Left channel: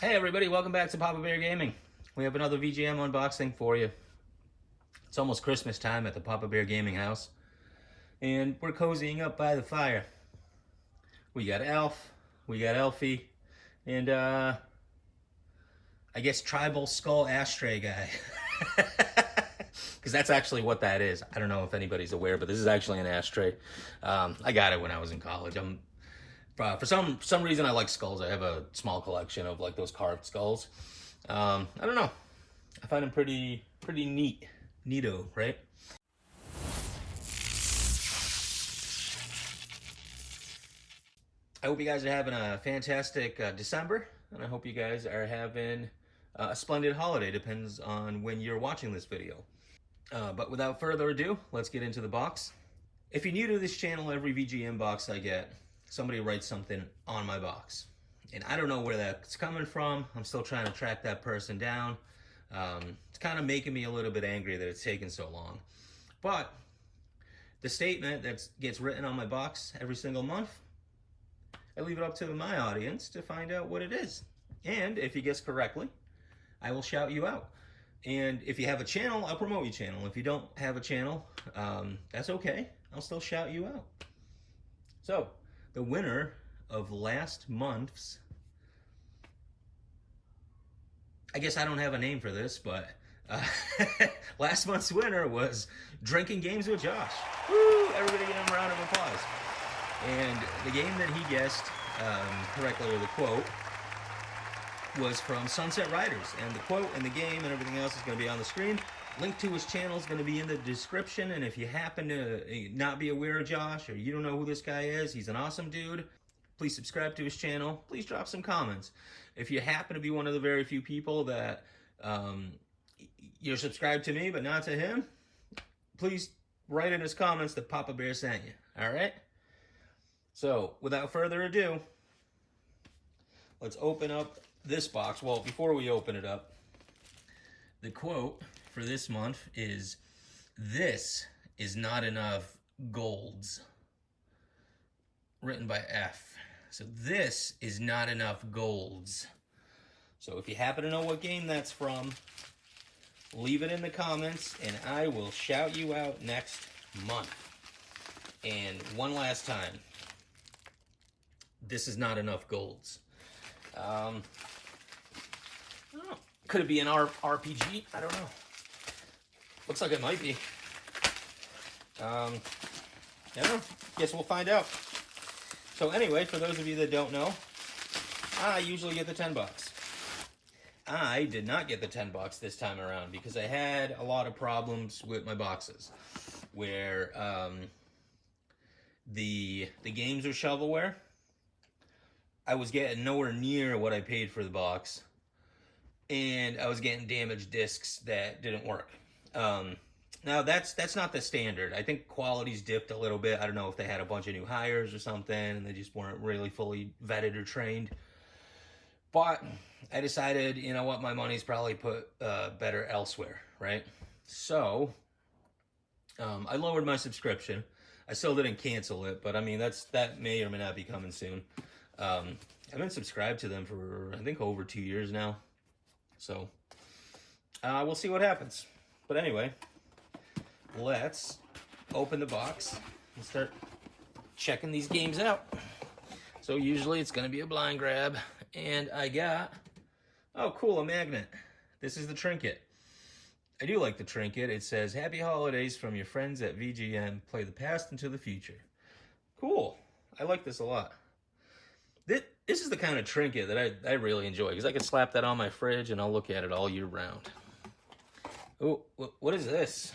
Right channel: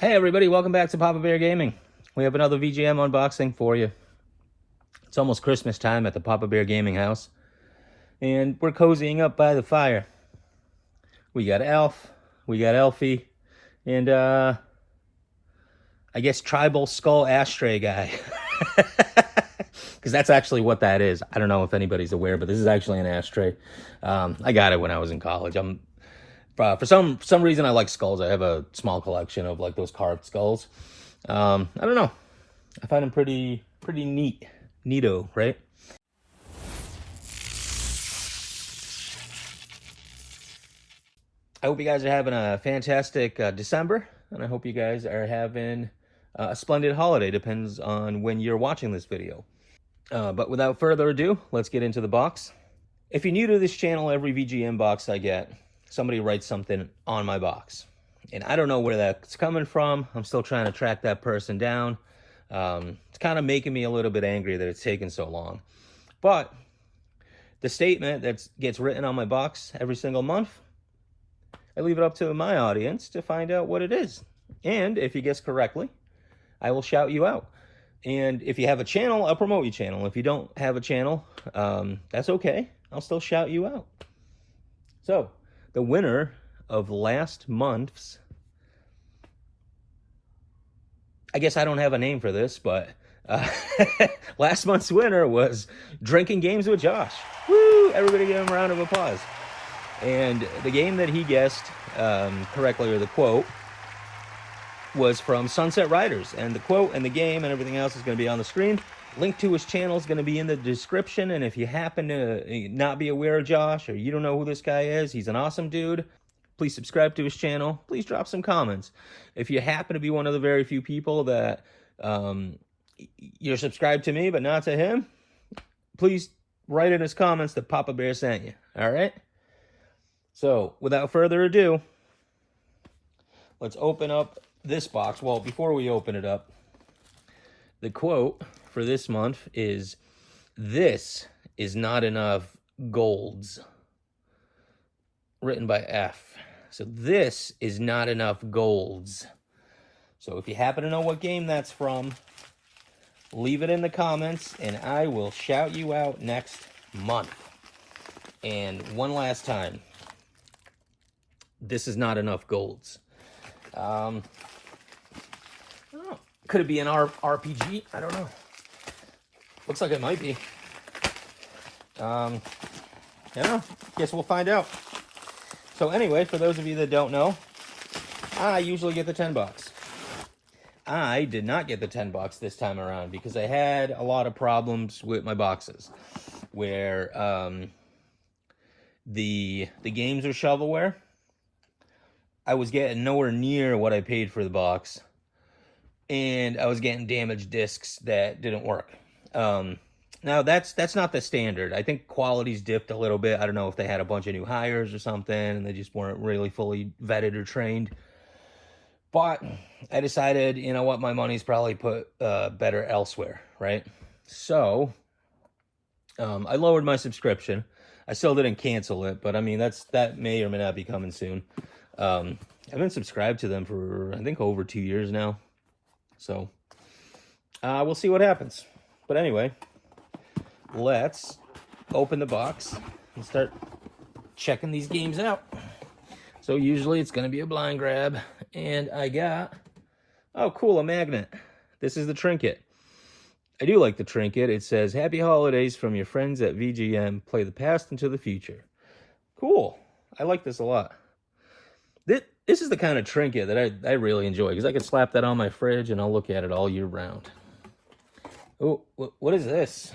Hey everybody, welcome back to Papa Bear Gaming. We have another VGM unboxing for you. It's almost Christmas time at the Papa Bear Gaming house, and we're cozying up by the fire. We got Alf, we got Elfie, and I guess Tribal Skull Ashtray Guy. Because that's actually what that is. I don't know if anybody's aware, but this is actually an ashtray. I got it when I was in college. For some reason I like skulls. I have a small collection of like those carved skulls. I don't know. I find them pretty neato, right? I hope you guys are having a fantastic December, and I hope you guys are having a splendid holiday. Depends on when you're watching this video. But without further ado, let's get into the box. If you're new to this channel, every VGM box I get, somebody writes something on my box. And I don't know where that's coming from. I'm still trying to track that person down. It's kind of making me a little bit angry that it's taken so long. But the statement that gets written on my box every single month, I leave it up to my audience to find out what it is. And if you guess correctly, I will shout you out. And if you have a channel, I'll promote your channel. If you don't have a channel, that's okay. I'll still shout you out. So, the winner of last month's, I guess I don't have a name for this, but last month's winner was Drinking Games with Josh. Woo! Everybody give him a round of applause. And the game that he guessed correctly, or the quote, was from Sunset Riders. And the quote and the game and everything else is going to be on the screen. Link to his channel is going to be in the description. And if you happen to not be aware of Josh, or you don't know who this guy is, he's an awesome dude. Please subscribe to his channel. Please drop some comments. If you happen to be one of the very few people that you're subscribed to me but not to him, please write in his comments that Papa Bear sent you. All right? So, without further ado, let's open up this box. Well, before we open it up, the quote for this month is, "This is not enough golds." Written by F. So this is not enough golds. So if you happen to know what game that's from, leave it in the comments and I will shout you out next month. And one last time, this is not enough golds. Could it be an RPG? I don't know. Looks like it might be. Yeah, guess we'll find out. So anyway, for those of you that don't know, I usually get the 10 bucks. I did not get the 10 bucks this time around because I had a lot of problems with my boxes where the games are shovelware. I was getting nowhere near what I paid for the box, and I was getting damaged discs that didn't work. Now, that's not the standard. I think quality's dipped a little bit. I don't know if they had a bunch of new hires or something, and they just weren't really fully vetted or trained. But I decided, you know what, my money's probably put better elsewhere, right? So, I lowered my subscription. I still didn't cancel it, but I mean, that may or may not be coming soon. I've been subscribed to them for, I think, over 2 years now. So, we'll see what happens. But anyway, let's open the box and start checking these games out. So usually it's going to be a blind grab. And I got, oh cool, a magnet. This is the trinket. I do like the trinket. It says, "Happy Holidays from your friends at VGM. Play the past into the future." Cool. I like this a lot. This is the kind of trinket that I really enjoy, because I could slap that on my fridge and I'll look at it all year round. Oh, what is this?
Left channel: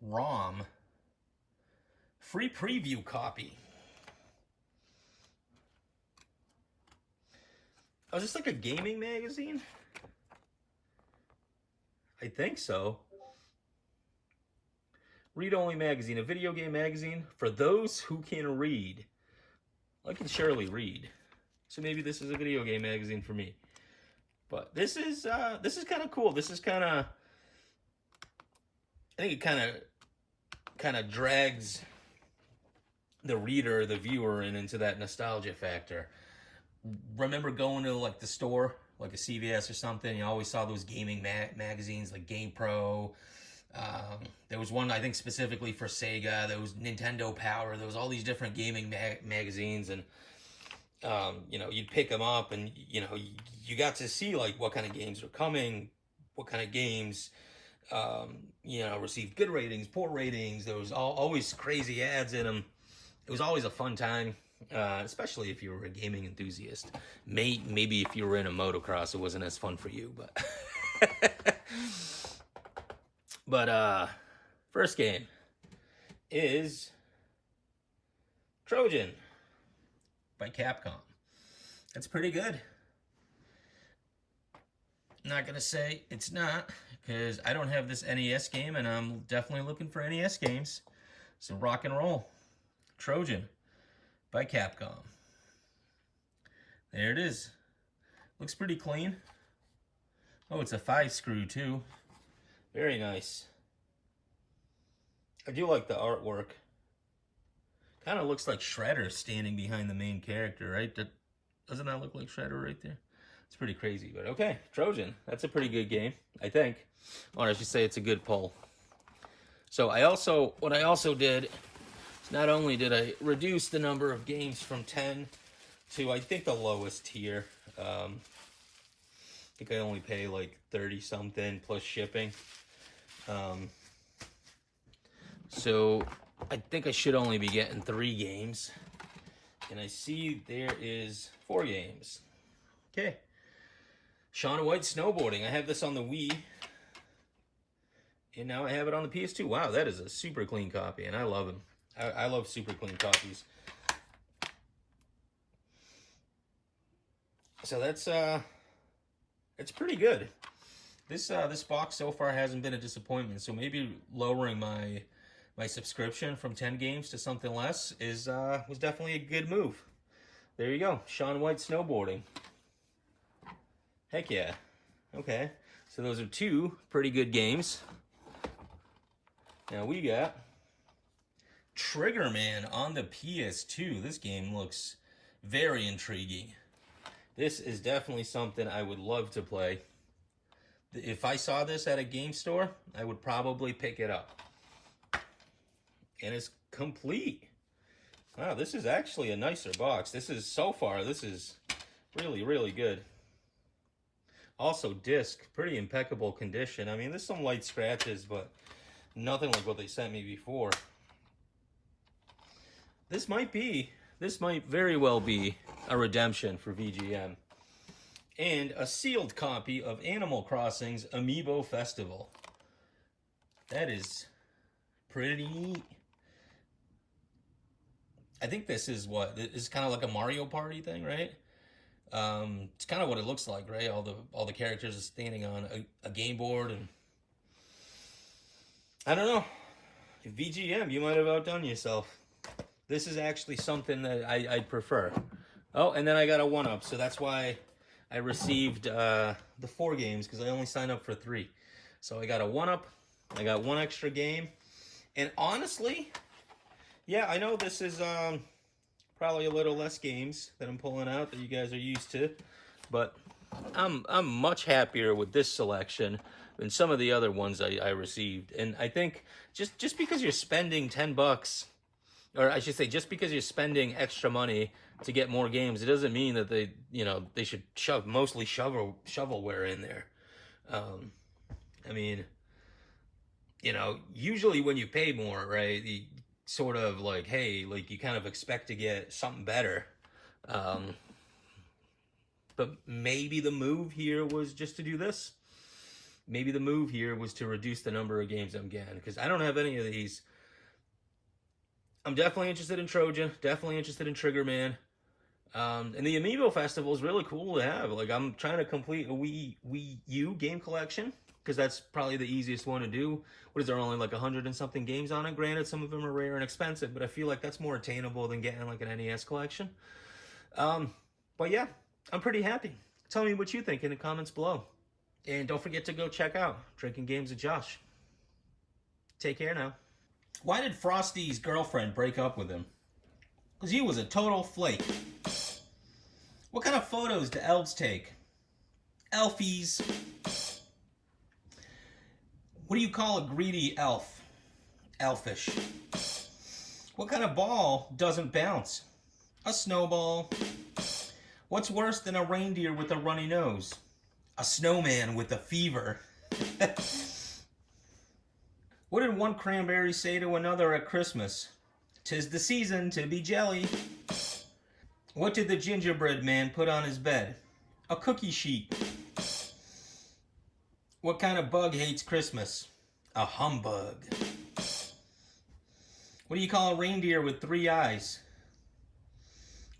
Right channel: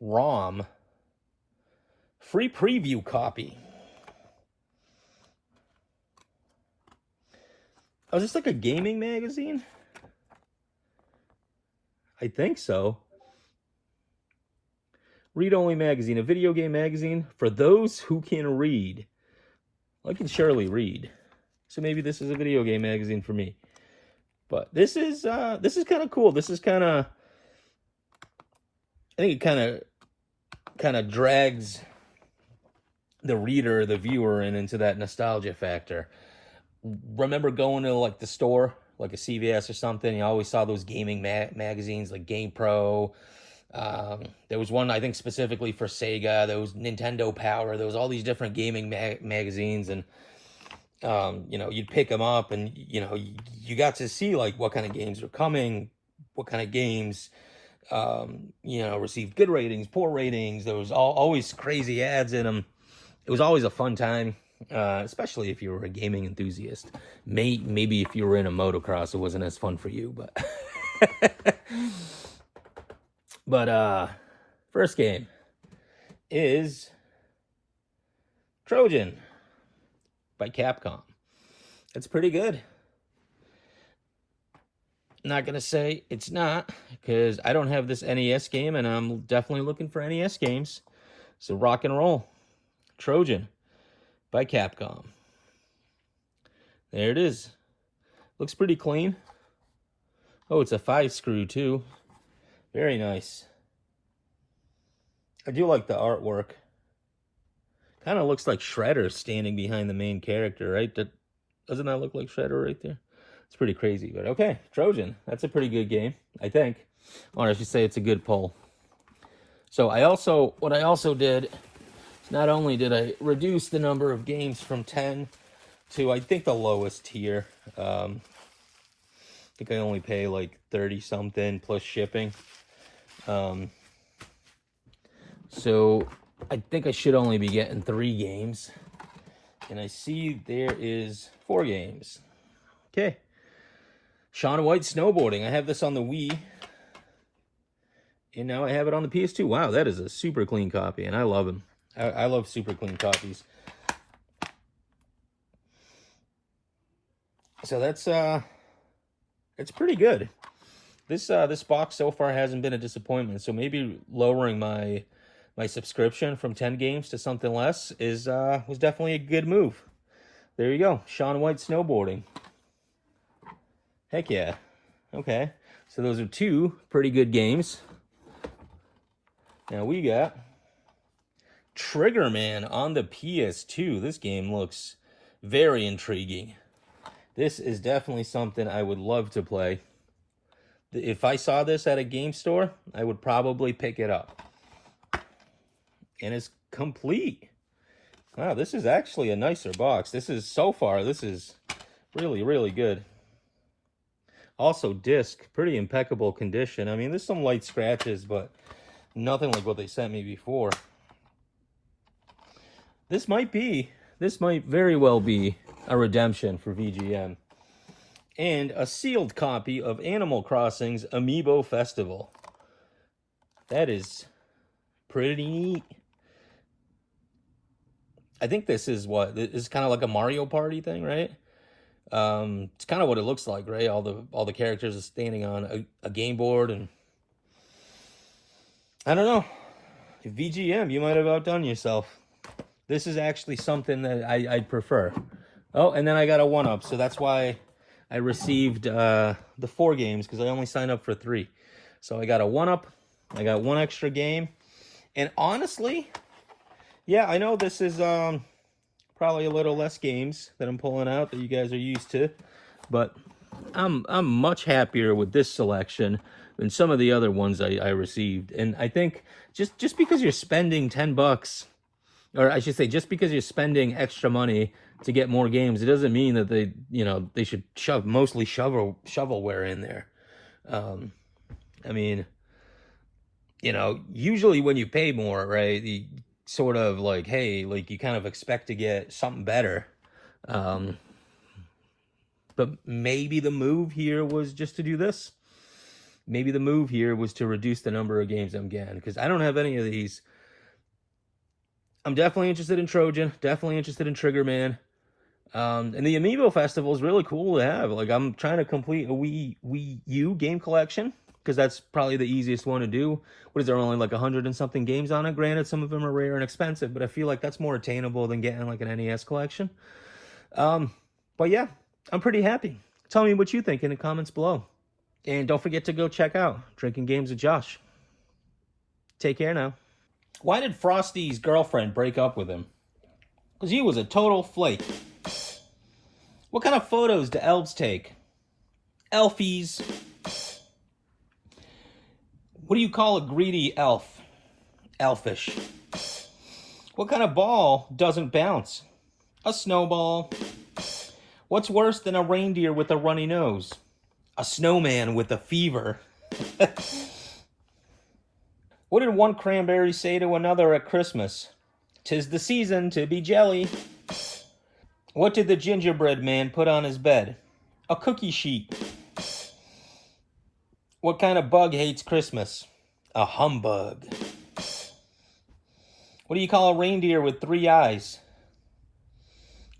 ROM. Free preview copy. Oh, is this like a gaming magazine? I think so. Read-only magazine, a video game magazine for those who can read. I can surely read, so maybe this is a video game magazine for me. But this is kind of cool. This is kind of, I think it kind of drags the reader, the viewer, into that nostalgia factor. remember going to like the store, like a CVS or something. You always saw those gaming magazines like Game Pro. There was one I think specifically for Sega. There was Nintendo Power. There was all these different gaming magazines, and you'd pick them up, and you got to see like what kind of games are coming, what kind of games received good ratings, poor ratings. There was always crazy ads in them. It was always a fun time, especially if you were a gaming enthusiast. Maybe if you were in a motocross, it wasn't as fun for you, but but first game is Trojan by Capcom. It's pretty good. Not gonna say it's not, because I don't have this NES game, and I'm definitely looking for NES games. So rock and roll. Trojan by Capcom. There it is. Looks pretty clean. Oh, it's a 5-screw too. Very nice. I do like the artwork. Kind of looks like Shredder standing behind the main character, right? Doesn't that look like Shredder right there? It's pretty crazy, but okay. Trojan. That's a pretty good game, I think. Or I should say it's a good pull. So what I also did is not only did I reduce the number of games from 10 to, I think, the lowest tier. I think I only pay like 30 something plus shipping. So I think I should only be getting 3 games. And I see there is 4 games. Okay. Shaun White Snowboarding. I have this on the Wii. And now I have it on the PS2. Wow, that is a super clean copy. And I love them. I love super clean copies. So that's it's pretty good. This box so far hasn't been a disappointment. So maybe lowering my subscription from 10 games to something less was definitely a good move. There you go. Shaun White Snowboarding. Heck yeah. Okay. So those are 2 pretty good games. Now we got Triggerman on the PS2. This game looks very intriguing. This is definitely something I would love to play. If I saw this at a game store, I would probably pick it up. And it's complete. Wow, this is actually a nicer box. This is really, really good. Also, disc, pretty impeccable condition. I mean, there's some light scratches, but nothing like what they sent me before. This might very well be a redemption for VGM. And a sealed copy of Animal Crossing's Amiibo Festival. That is pretty neat. I think this is kind of like a Mario Party thing, right? It's kind of what it looks like, right? All the characters are standing on a game board, and I don't know. VGM, you might have outdone yourself. This is actually something that I'd prefer. Oh, and then I got a 1-up, so that's why I received the 4 games, because I only signed up for 3. So I got a 1-up, I got 1 extra game, and honestly, yeah, I know this is probably a little less games that I'm pulling out that you guys are used to, but I'm much happier with this selection than some of the other ones I received. And I think just because you're spending $10, or I should say, just because you're spending extra money to get more games, it doesn't mean that they should mostly shovelware in there. I mean, usually when you pay more, right, you sort of like, hey, like you kind of expect to get something better. But maybe the move here was just to do this. Maybe the move here was to reduce the number of games I'm getting, because I don't have any of these. I'm definitely interested in Trojan, definitely interested in Triggerman. And the Amiibo Festival is really cool to have. Like, I'm trying to complete a Wii U game collection, because that's probably the easiest one to do. What is there, only like 100 and something games on it? Granted, some of them are rare and expensive, but I feel like that's more attainable than getting like an NES collection. But yeah, I'm pretty happy. Tell me what you think in the comments below. And don't forget to go check out Drinking Games with Josh. Take care now. Why did Frosty's girlfriend break up with him? Because he was a total flake. What kind of photos do elves take? Elfies. What do you call a greedy elf? Elfish. What kind of ball doesn't bounce? A snowball. What's worse than a reindeer with a runny nose? A snowman with a fever. What did one cranberry say to another at Christmas? 'Tis the season to be jelly. What did the gingerbread man put on his bed? A cookie sheet. What kind of bug hates Christmas? A humbug. What do you call a reindeer with 3 eyes?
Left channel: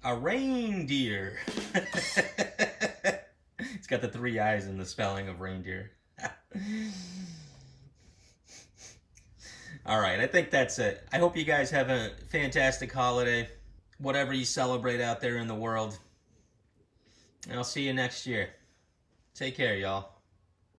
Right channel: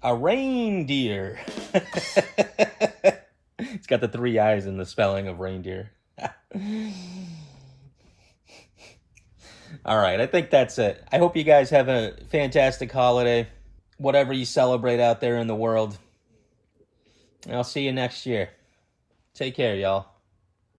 A reindeer. It's got the 3 eyes in the spelling of reindeer. All right, I think that's it. I hope you guys have a fantastic holiday, whatever you celebrate out there in the world. I'll see you next year. Take care, y'all.